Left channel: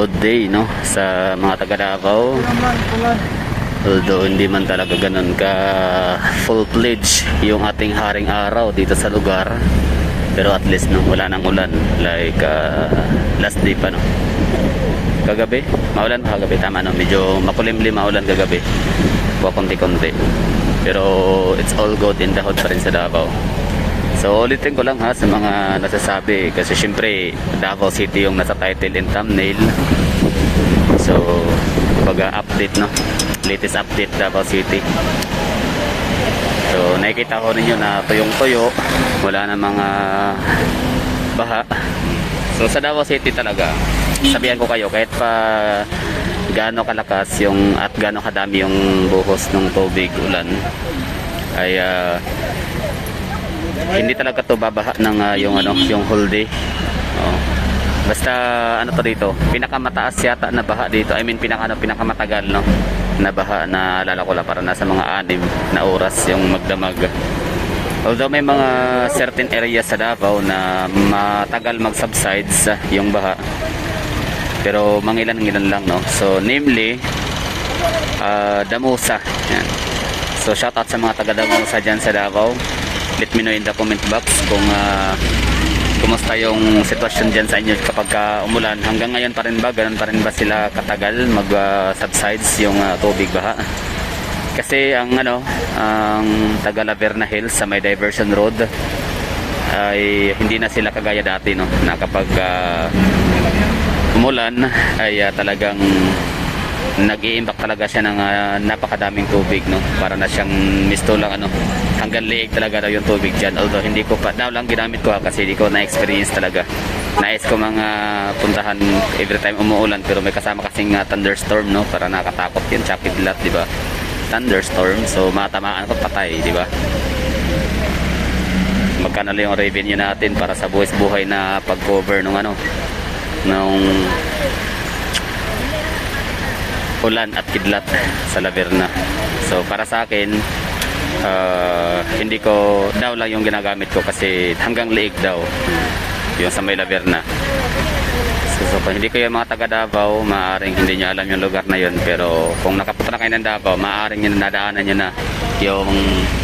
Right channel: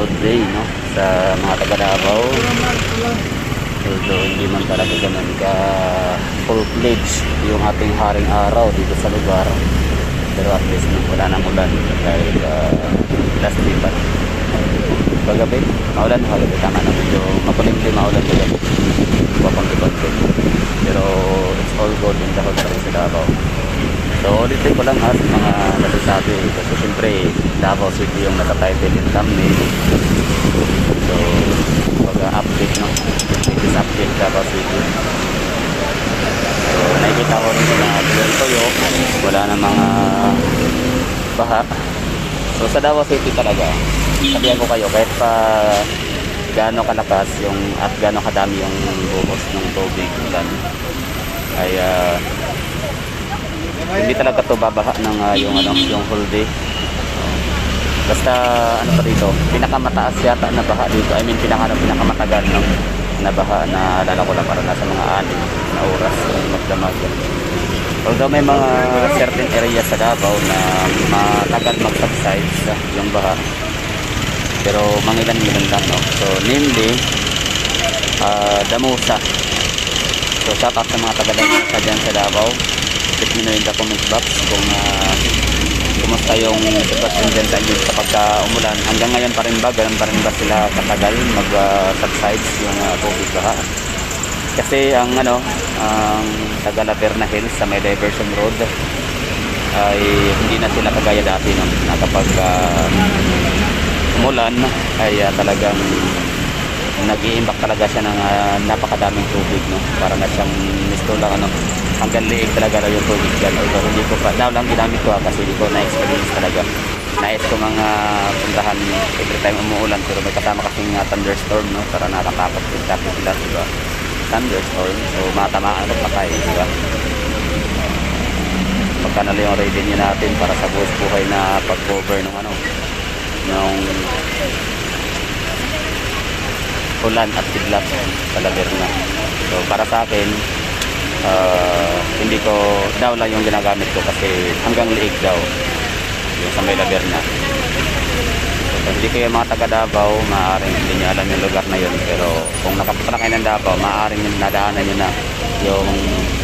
good day, no, sa mga taga Davao. Although hindi man talaga ganun ka full-fledged yung ating haring araw dito sa lugar, pero at least no, wala nang ulan like last day pa. Kagabi maulan, kagabi tama, no, medyo makulimlim maulan kagabi, konti-konti, pero it's all good in the hood pa rin sa Davao. So ulitin ko lang ha sa mga nasasabi, kasi syempre Davao City yung nasa title and thumbnail. So pag-update, no, latest update Davao City. So nakikita ko ninyo na tuyong-tuyo, wala na mga baha. So sa Davao City talaga, sabihan ko kayo, kahit pa gaano kalakas yung at gaano kadami yung buhos ng tubig ulan, ay hindi talaga to babaha ng yung whole day. Basta ano pa dito, pinakamataas yata na baha dito, I mean pinakamatagal, no, na baha na alala ko lang, parang nasa mga 6 na oras yung magdamag. Although may mga certain areas sa Davao na matagal mag-subsides yung baha, pero mangilan-ngilan lang, no. So namely Damusa. So shout out sa mga taga Damusa dyan sa Davao. Let me know in the comment box kung kumusta yung sitwasyon dyan sa inyo kapag umulan. Hanggang ngayon pa rin ba, ganun pa rin ba sila katagal mag-subsides yung tubig baha? Kasi ang taga Laverna Hills sa may diversion road ay hindi na sila kagaya dati, no, na kapag umulan ay talagang nag-i-impact talaga siya ng napakadaming tubig, no. Para na siyang misto lang, hanggang liig talaga na yung tubig dyan. Although hindi ko daw lang ginamit ko kasi hindi ko na-experience talaga. Nais ko mga puntahan every time umuulan, pero may kasama kasing thunderstorm, no, para nakatakot yun, choppy dilat, di ba? Thunderstorm, so matamaan ko patay, di ba? Magkano lang yung revenue natin para sa buhay na pag-cover nung ulan at kidlat sa Laverna. So para sa akin, hindi ko daw lang yung ginagamit ko kasi hanggang liig daw yung sa may Laverna. So hindi kayo mga taga Davao, maaaring hindi nyo alam yung lugar na yun, pero kung nakapunta na kayo ng Davao, maaaring nyo nadaanan nyo na yung,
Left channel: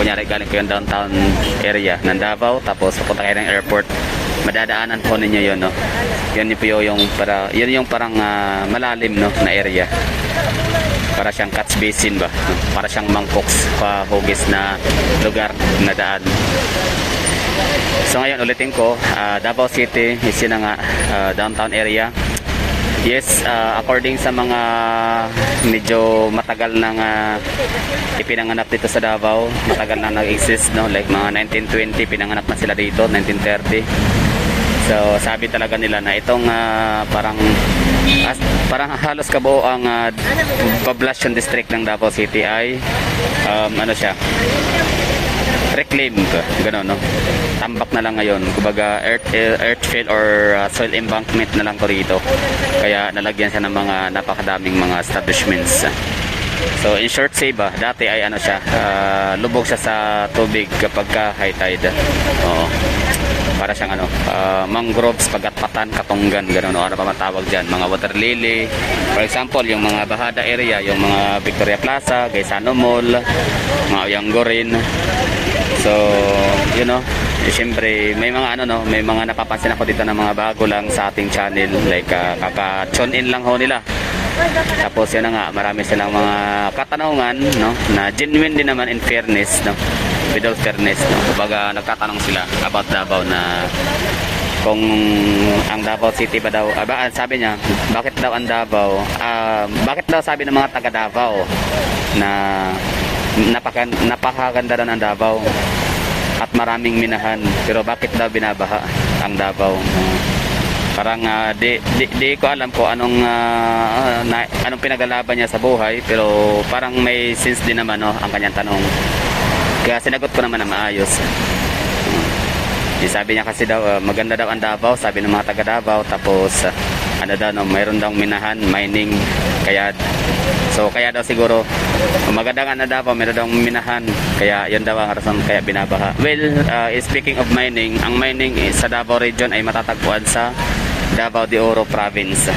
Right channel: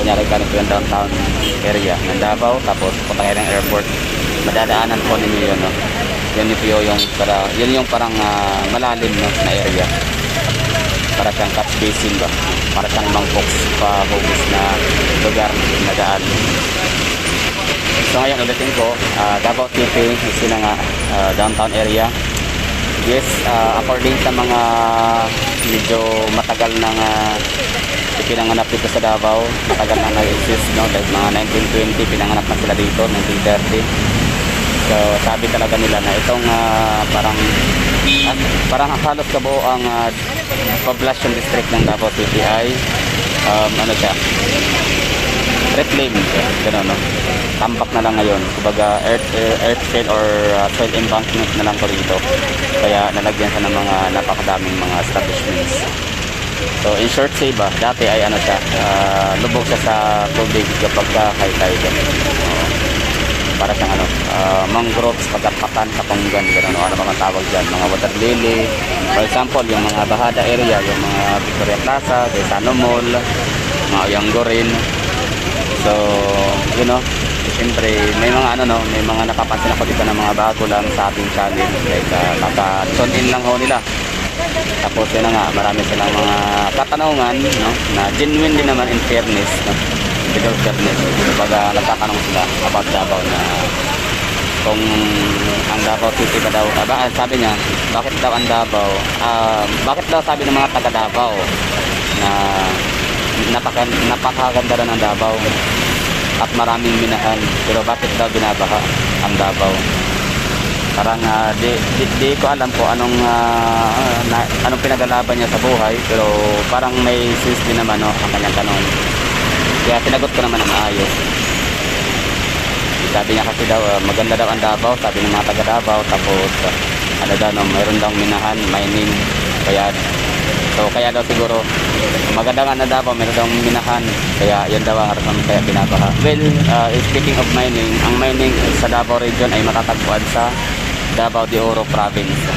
kunyari galing ko yung downtown area ng Davao, tapos pupunta kayo ng airport, madadaanan po ninyo yun, no? Yan yung parang malalim, no, na area, para siyang catch basin ba, para siyang mangkoks pahugis na lugar na daan. So ngayon ulitin ko, Davao City is yun nga, downtown area. Yes, according sa mga medyo matagal nang ipinanganap dito sa Davao, matagal na nag-exist, no, like mga 1920 pinanganap na sila dito, 1930. So sabi talaga nila na itong parang halos kabuo ang population district ng Davao City ay reclaimed, gano'n, no? Tambak na lang ngayon, kumbaga earthfill or soil embankment na lang ko rito, kaya nalagyan siya ng mga napakadaming mga establishments. So in short say ba, dati ay lubog siya sa tubig kapag high tide. Para siyang mangroves, kagat-katan, katunggan, gano'n, ano pa matawag dyan, mga water lily, for example yung mga Bahada area, yung mga Victoria Plaza, Gaisano Mall, mga Oyanggorin. So siyempre may mga may mga napapansin ako dito na mga bago lang sa ating channel, like kaka-tune in lang ho nila. Tapos yun na nga, marami silang mga katanungan, no, na genuine din naman in fairness, no, without fairness, no. Kumbaga nagtatanong sila about Davao na kung ang Davao City ba daw, sabi niya, bakit daw ang Davao, bakit daw sabi ng mga taga Davao na napakaganda daw ng Davao at maraming minahan, pero bakit daw binabaha ang Davao? Parang di ko alam po anong pinagalaban niya sa buhay, pero parang may sense din naman, no, ang kanyang tanong. Kaya sinagot ko naman na maayos. Sabi niya kasi daw maganda daw ang Davao, sabi ng mga taga Davao, tapos mayroon daw minahan, mining, kaya daw siguro maganda nga na Davao, mayroon daw minahan, kaya yan daw ang rason kaya binabaha. Well, speaking of mining, ang mining sa Davao region ay matatagpuan sa Davao de Oro province.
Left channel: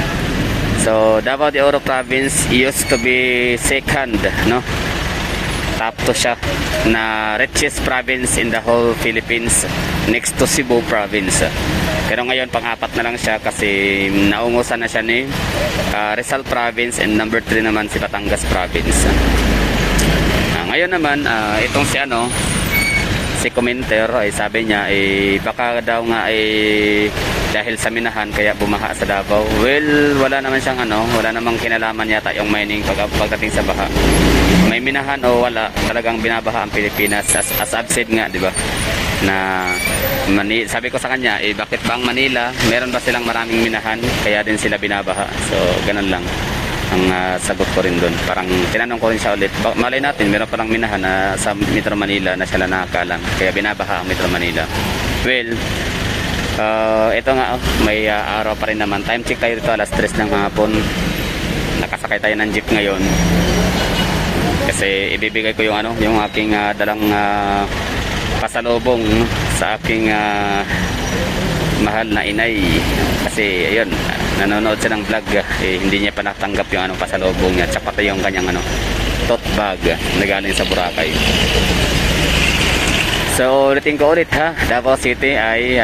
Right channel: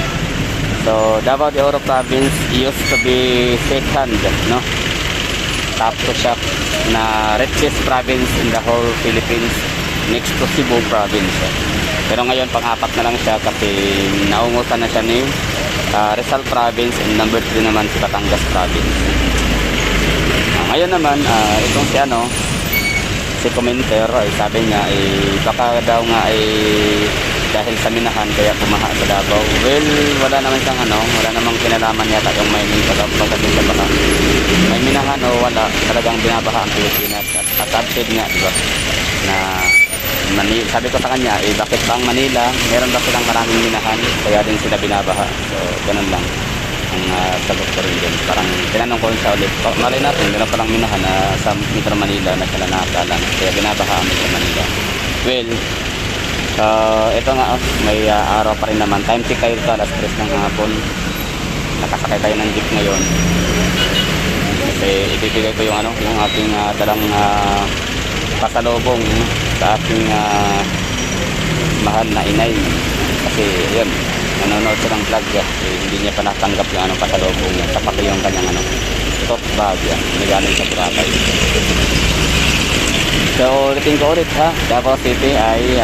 So So Davao de Oro province used to be second, no, top to shop na richest province in the whole Philippines, next to Cebu province. Pero ngayon pang-apat na lang siya kasi naungusan na siya ni Rizal province, and number 3 naman si Batangas province. Ngayon naman itong si commenter ay sabi niya baka daw nga dahil sa minahan kaya bumaha sa Davao. Well, wala naman siyang wala namang kinalaman yata yung mining pagdating sa baha. May minahan o wala, talagang binabaha ang Pilipinas. As I've said nga, di ba, na sabi ko sa kanya, bakit ba ang Manila, meron ba silang maraming minahan kaya din sila binabaha? So, ganun lang ang sagot ko rin doon. Parang tinanong ko rin siya ulit, malay natin meron palang minahan na sa Metro Manila na sila nakakalan kaya binabaha ang Metro Manila. Well, ito nga, may araw pa rin naman. Time check tayo ito, alas 3 ng hapon. Nakasakay tayo ng jeep ngayon kasi ibibigay ko yung aking dalang pasalubong sa aking mahal na inay. Kasi ayun, nanonood siya ng vlog, hindi niya pa natanggap yung pasalubong niya, tsaka ito yung kanyang tote bag na galing sa Boracay. So ulitin ko ulit ha, Davao City ay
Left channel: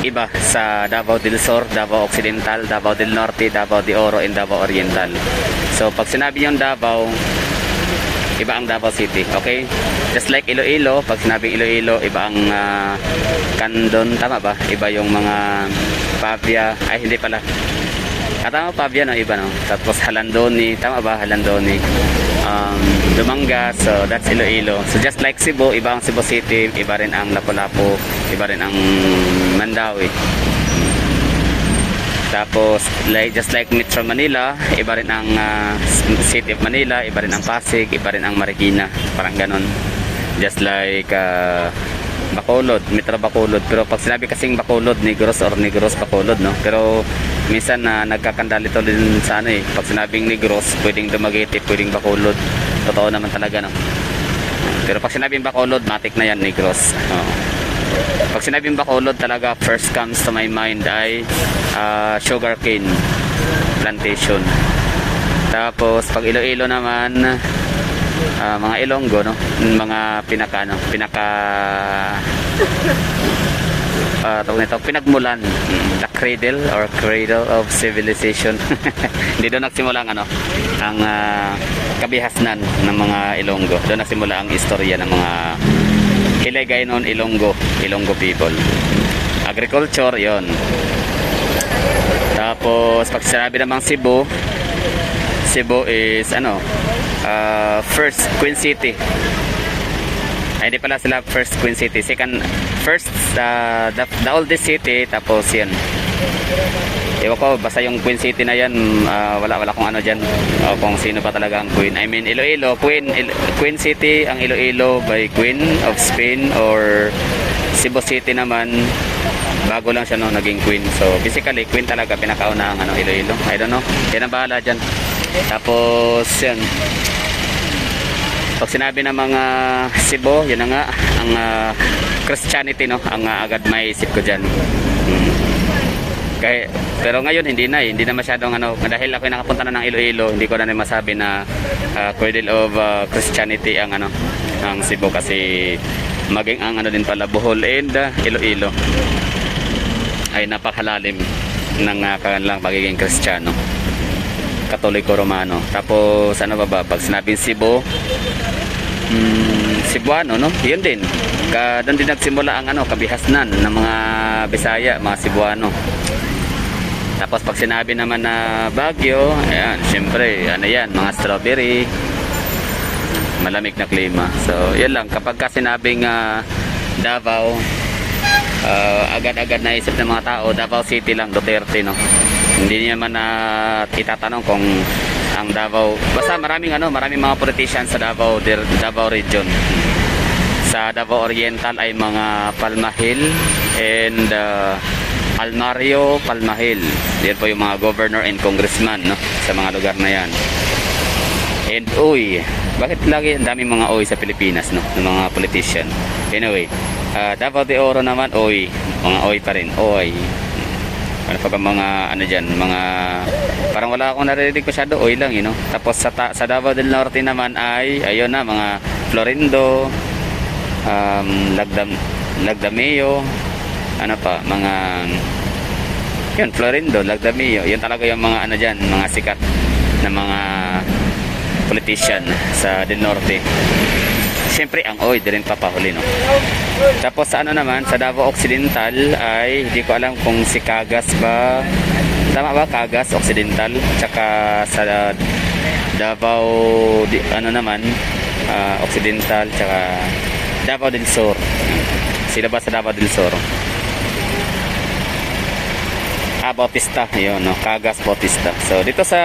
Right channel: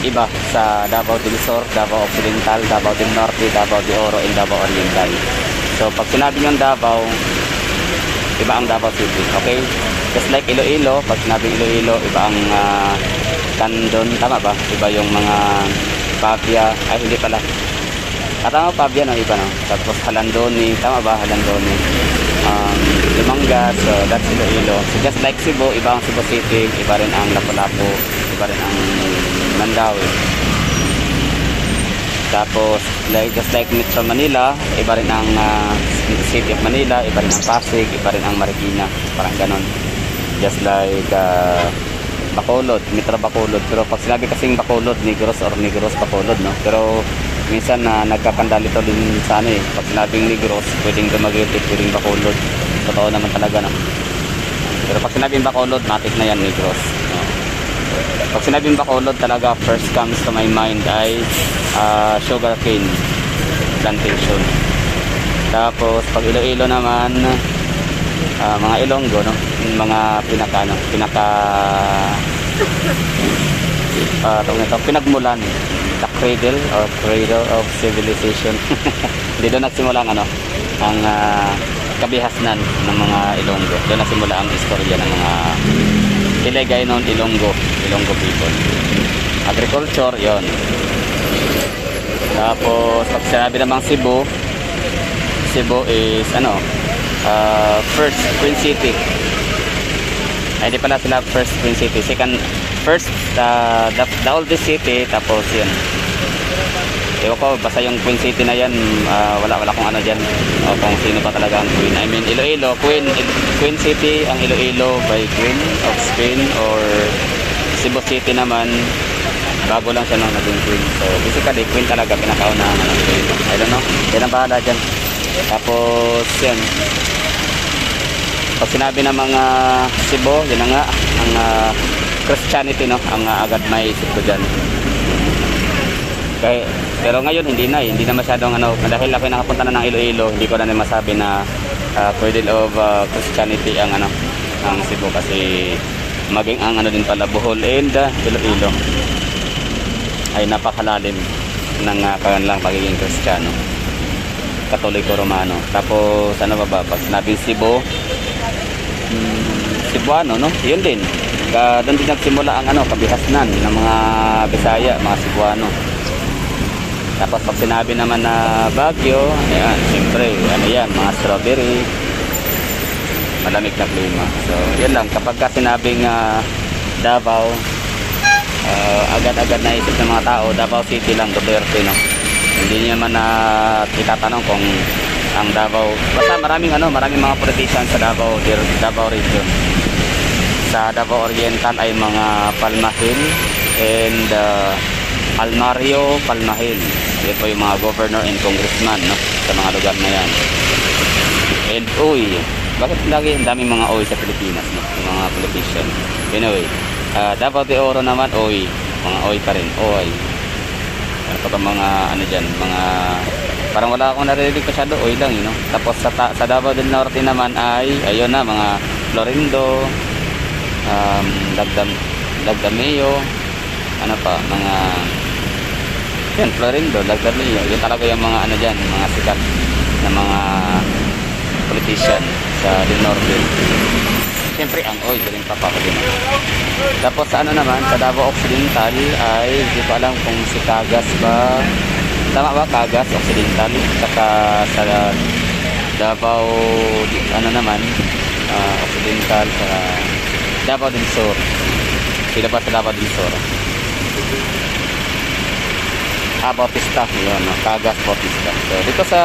iba sa Davao del Sur, Davao Occidental, Davao del Norte, Davao de Oro, and Davao Oriental. So pag sinabi yung Davao, iba ang Davao City, okay? Just like Iloilo, pag sinabi Iloilo, iba ang Candon, tama ba? Iba yung mga Pavia, ay hindi pala. Tama, Pavia no, iba no. Tapos Halandoni, tama ba? Halandoni. Lumanga, so that's Iloilo. So just like Cebu, iba ang Cebu City, iba rin ang Lapu-Lapu, iba rin ang Mandawi. Tapos just like Metro Manila, iba rin ang City of Manila, iba rin ang Pasig, iba rin ang Marikina, parang ganon. Just like Bacolod, Metro Bacolod. Pero pag sinabi kasing Bacolod, Negros or Negros Bacolod, no? Pero minsan nagkakandalito din sa pag sinabing Negros, pwedeng Dumaguete, pwedeng Bacolod. Totoo naman talaga, no? Pero pag sinabing Bacolod, matik na yan, Negros. Pag sinabing Bacolod talaga, first comes to my mind ay sugarcane plantation. Tapos pag Iloilo naman, mga Ilonggo, no? Mga pinagmulan, the cradle or cradle of civilization. Hindi doon nagsimula ang kabihasnan ng mga Ilonggo. Doon nagsimula ang istorya ng mga Iligay noon, Ilonggo people. Agriculture, yon. Tapos pag sinabi namang Cebu is first Queen City. Ay di pala sila first Queen City, first the oldest city, tapos yan. Ewan ko, basta yung Queen City na yan, wala kung dyan, o kung sino pa talaga ang Queen. I mean, Iloilo, Queen City, ang Iloilo by Queen of Spain, or Cebu City naman, bago lang siya naging Queen. So, basically, Queen talaga, pinakaunahan ng Iloilo. I don't know, yan ang bahala dyan. Tapos, yun. Pag sinabi ng mga Cebu, yun na nga, ang Christianity, no, ang agad may isip ko dyan. Pero ngayon hindi na masyadong dahil ako nakapunta na ng Iloilo, hindi ko na masabi na cradle of Christianity ang ang Cebu, kasi maging ang din pala Bohol and Iloilo ay napakalalim ng kanilang pagiging Kristiyano, Katoliko, Romano. Tapos pag sinabing Cebu, Cebuano, no? Yun din. Doon din nagsimula ang kabihasnan ng mga Bisaya, mga Cebuano. Tapos pag sinabi naman na Baguio, ayan, siyempre, yan, mga strawberry, malamig na klima. So, yan lang. Kapag sinabing Davao, agad-agad na isip ng mga tao, Davao City lang, Duterte, no? Hindi naman itatanong kung ang Davao, basta maraming mga politicians sa Davao region. Sa Davao Oriental ay mga Palmahil and Almario, Palmahil. Yan po yung mga governor and congressman, no, sa mga lugar na yan. And Uy, bakit lagi ang daming mga Uy sa Pilipinas, no, yung mga politician? Anyway, Davao de Oro naman, Uy, mga Uy pa rin, Uy. Ano pa ba mga dyan, mga Parang wala akong naririnig masyado, oil lang, you know. Tapos sa Davao del Norte naman ay, ayun na, mga Florindo, Lagdameo, ano pa, mga, yun, Florindo, Lagdameo, yun talaga yung mga ano dyan, mga sikat na mga politician sa del Norte. Siyempre ang oil din papahuli na. Tapos sa ano naman, sa Davao Occidental ay hindi ko alam kung si Cagas ba, tama ba, Cagas Occidental, tsaka sa Davao ano naman, Occidental, tsaka Davao del Sur. Sila ba sa Davao del Sur? Bautista, yun, no? Cagas Bautista. So dito sa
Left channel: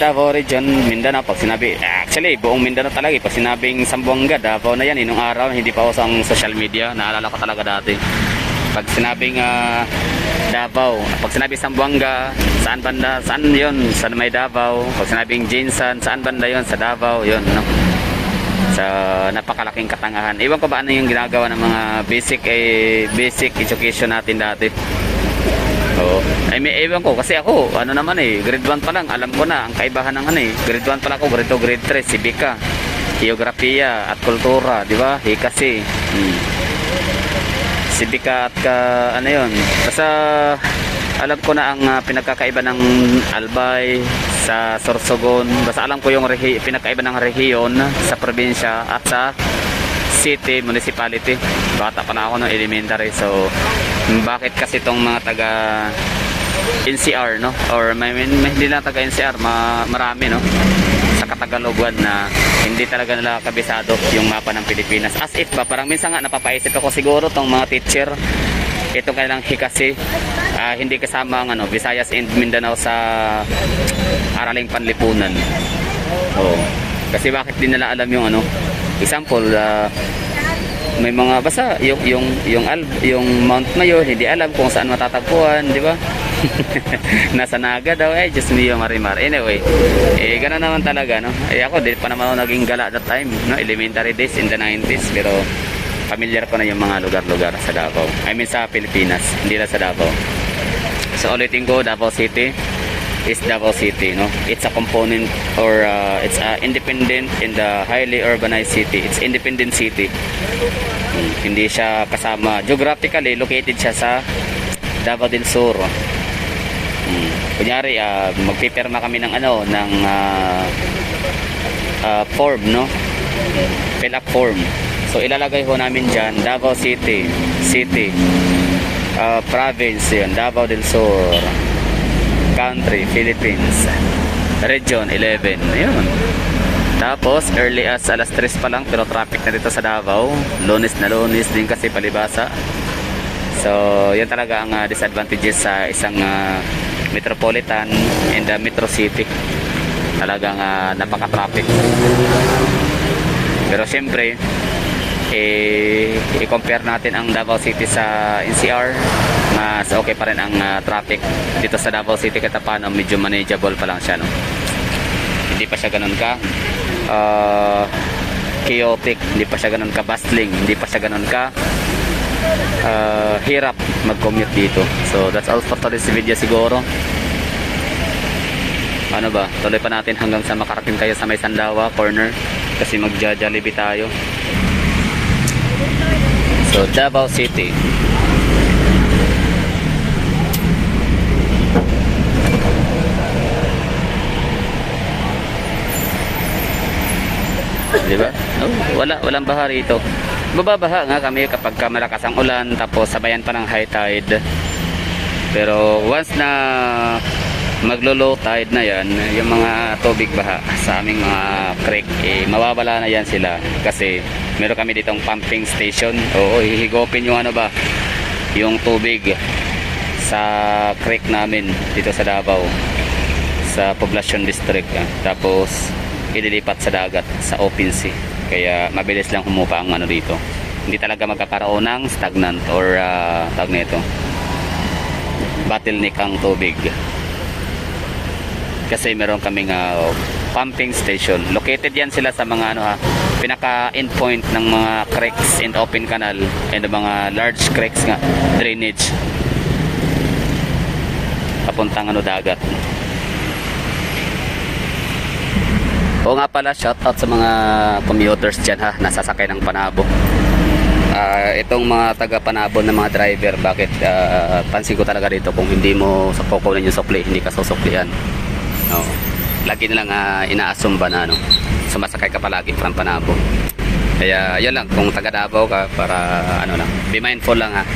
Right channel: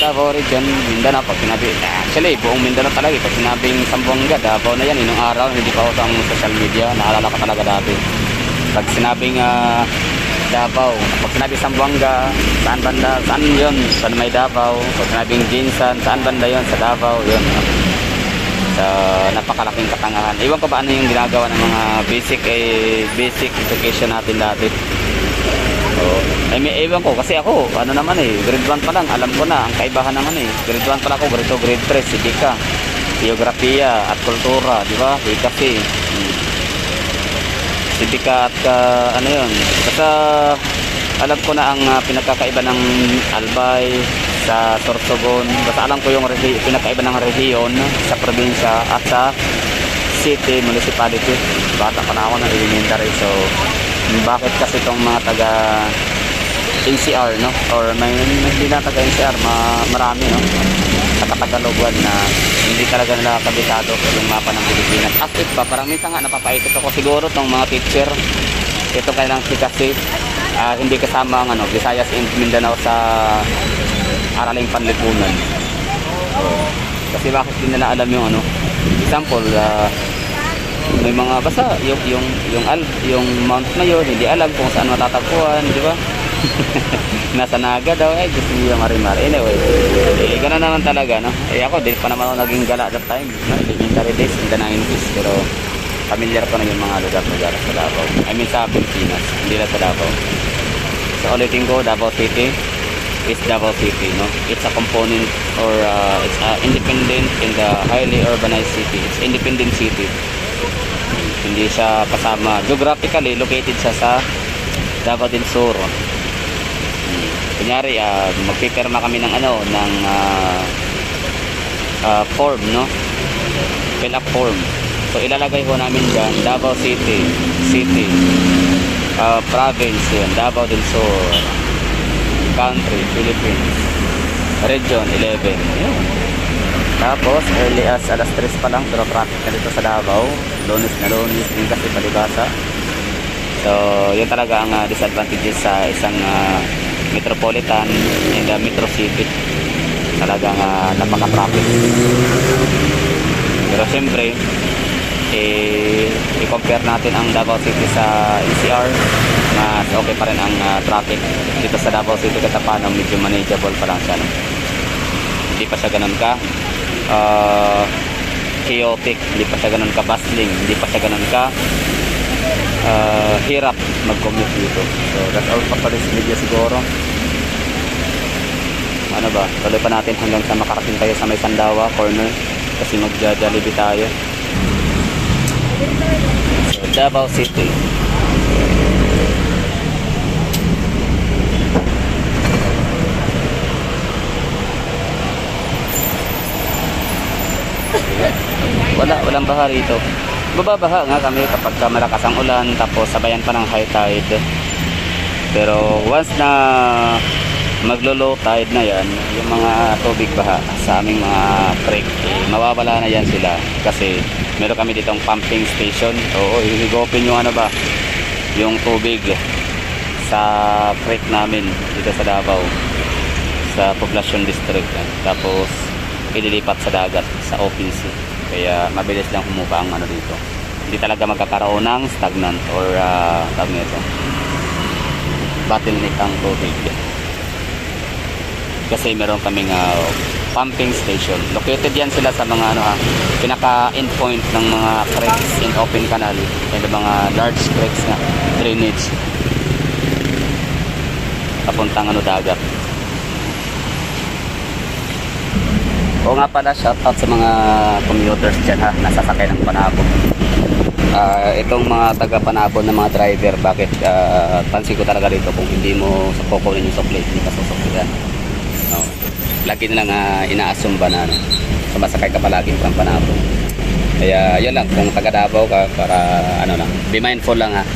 Davao region, Mindanao, pag sinabi, actually buong Mindanao talaga, pag sinabing Zamboanga, Davao na yan, inong araw, hindi pa ako sa social media, naalala ko talaga dati. Pag sinabing Davao, pag sinabi Zamboanga, saan banda, saan yun, sa may Davao. Pag sinabing Jinsan, saan banda yun, sa Davao, yun. So napakalaking katangahan. Iwan ko ba ano yung ginagawa ng mga basic education natin dati. So, may ewan ko kasi ako, ano naman grade 1 pa lang, alam ko na ang kaibahan ng grade 1 pa lang ako, grade 2, grade 3, Civica, Geografiya at Kultura, di ba? Kasi Civica at ano yun, basta alam ko na ang pinagkakaiba ng Albay sa Sorsogon, basta alam ko yung pinagkaiba ng rehiyon sa probinsya at sa city, municipality. Bata pa na ako ng elementary, so bakit kasi itong mga taga NCR, no, or hindi na taga NCR, marami, no, sa Katagalogan na hindi talaga nila kabisado yung mapa ng Pilipinas. As if ba, parang minsan nga napapaisip ako siguro tong mga teacher, ito kailang kasi hindi kasama ang Visayas and Mindanao sa araling panlipunan. So, kasi bakit din nila alam yung example, may mga basta yung Mount Mayor, hindi alam kung saan matatagpuan, di ba? Nasa Naga daw, just me yung Marimar. Anyway, gano'n naman talaga, no? Ako, di pa naman ako naging gala that time, no? Elementary days in the 90s, pero familiar ko na yung mga lugar-lugar sa Davao. I mean sa Pilipinas, hindi na sa Davao. So ulitin ko, Davao City is Davao City, no? It's a component or it's independent in the highly urbanized city. It's independent city. Hindi siya kasama, geographically located siya sa Davao del Sur. Kunyari, magpipirma kami ng form, no? Fill up form. So ilalagay ho namin dyan Davao City, province yun, Davao del Sur, country, Philippines, region 11. Ayun. Tapos early as alas 3 pa lang, pero traffic na dito sa Davao. Lunes na lunes din kasi palibasa. So yun talaga ang disadvantages sa isang metropolitan in the metro city. Talagang napaka-traffic. Pero siyempre, i-compare natin ang Davao City sa NCR na okay pa rin ang traffic. Dito sa Davao City Katapano, medyo manageable pa lang siya, no? Hindi pa siya ganun ka chaotic, hindi pa siya ganun ka bustling, hindi pa siya ganun ka hirap mag-commute dito. So that's all for this video siguro. Ano ba, tuloy pa natin hanggang sa makarating tayo sa may Sandawa corner kasi magja-Jollibee tayo. So Davao City. Diba? Walang baha rito. Bababaha nga kami kapag malakas ang ulan, tapos sabayan pa ng high tide. Pero once na maglo-low tide na yan, yung mga tubig baha sa aming mga creek, mawawala na yan sila kasi meron kami ditong pumping station. Oo, hihigopin yung yung tubig sa creek namin dito sa Davao, sa Poblacion District, tapos ililipat sa dagat, sa open sea. Kaya mabilis lang humupa ang dito. Hindi talaga magkakaroon ng stagnant or tawag nito, bottleneck ang tubig. Kasi meron kaming pumping station. Located yan sila sa mga pinaka endpoint ng mga creeks in open canal and mga large creeks nga, drainage papuntang dagat. Oo nga pala, shoutout sa mga commuters dyan ha, nasasakay ng Panabo. Itong mga taga Panabo na mga driver, bakit pansin ko talaga dito kung hindi mo kukunin yung sukli, hindi ka susuklihan. Oo. Lagi nilang inaasumba na sumasakay ka palagi from Panabo. Kaya yun lang, kung taga Davao ka, para lang, be mindful lang ha.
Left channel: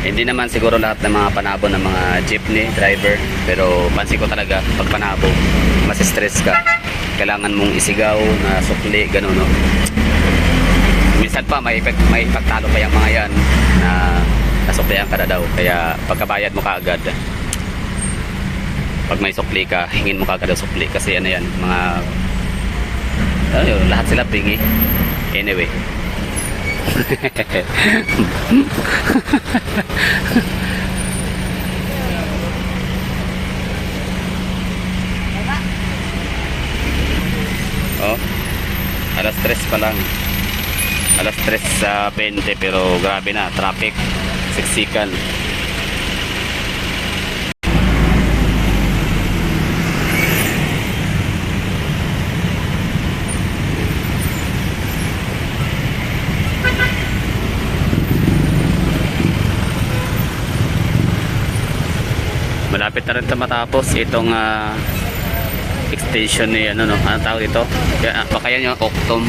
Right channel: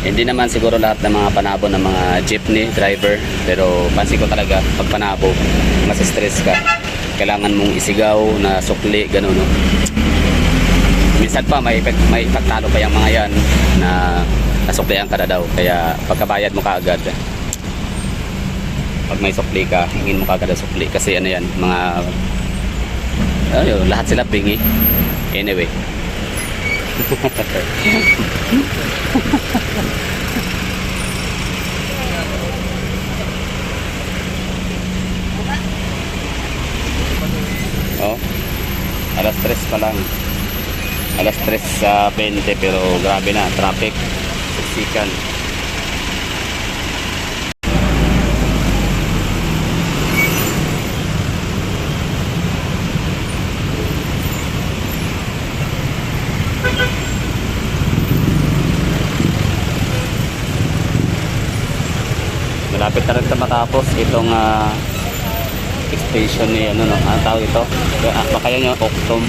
Hindi naman siguro lahat ng mga Panabo ng mga jeepney driver, pero pansin ko talaga pag Panabo, mas stress ka. Kailangan mong isigaw na sukli, gano'n no. Minsan pa may pagtalo pa yung mga yan na nasuklihan ka na daw. Kaya pagkabayad mo kaagad, pag may sukli ka, hingin mo kaagad ang sukli. Kasi ano yan, mga lahat sila pingi. Anyway. Oh, alas 3 pa lang. Alas 3 sa 20 pero grabe na, traffic, siksikan. Malapit na rin na matapos itong extension ni anong tawag dito? Baka yan yung Octom.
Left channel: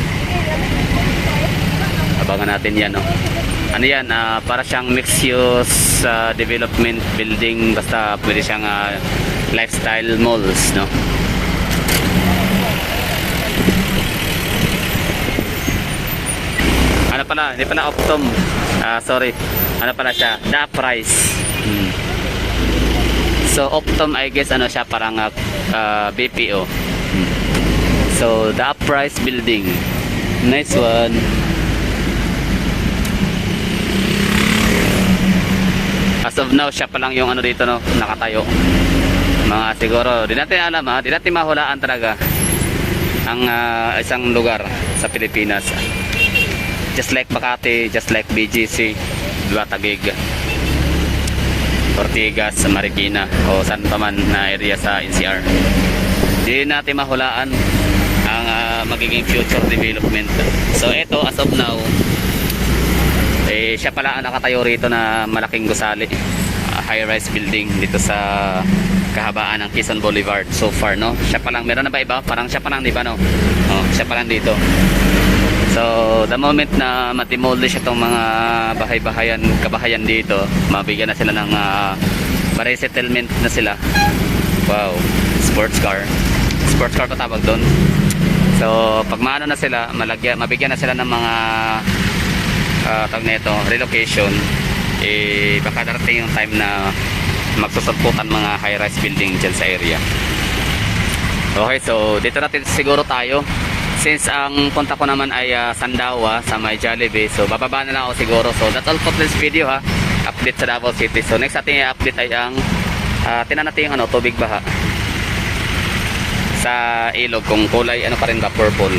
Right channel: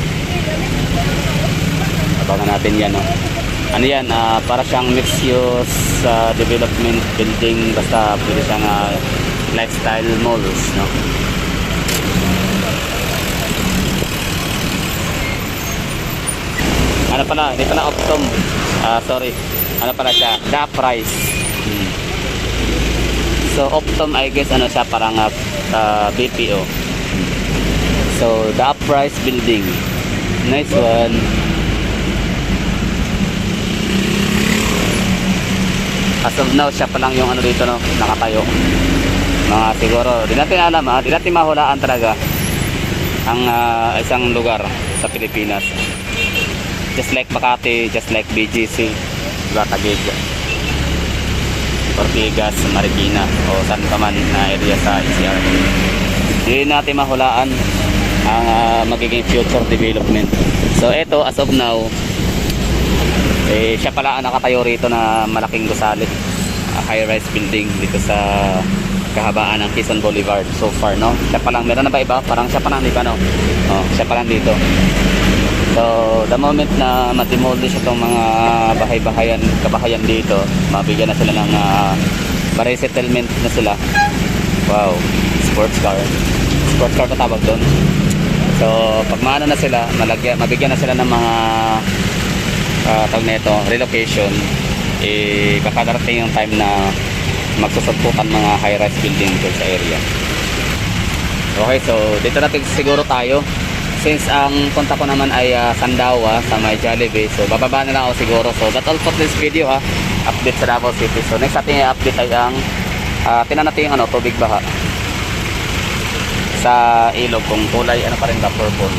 Abangan natin yan ano yan, para siyang mixed use development building, basta pwede siyang lifestyle malls ano pala, dito na Octom, sorry, ano pala siya, The Price. So Octom, I guess siya parang BPO. So The Price building, nice one. As of now, siya pa lang yung dito nakatayo. Mga siguro, di natin alam di natin mahulaan talaga ang isang lugar sa Pilipinas. Just like Makati, just like BGC, Taguig, Ortigas, Marikina o saan pa man na area sa NCR. Di natin mahulaan ang magiging future development. So ito, as of now, siya pala ang nakatayo rito na malaking gusali, high-rise building dito sa kahabaan ng Quezon Boulevard so far siya pa lang, meron na ba iba? Parang siya pa lang, di ba siya pa lang dito. So the moment na ma-demolish itong mga kabahayan dito, mabigyan na sila ng ma-resettlement na sila. Wow, sports car pa tawag doon. So pag maano na sila, mabigyan na sila ng mga tawag nito, relocation, baka darating yung time na magsusulputan mga high-rise building dyan sa area. Okay, so dito natin siguro tayo. Since ang punta ko naman ay Sandawa sa may Jollibee, so bababa na lang ako siguro. So that's all for this video update sa Davao City. So next ating i-update ay ang tinan natin yung tubig baha sa ilog, kung kulay pa rin ba, purple.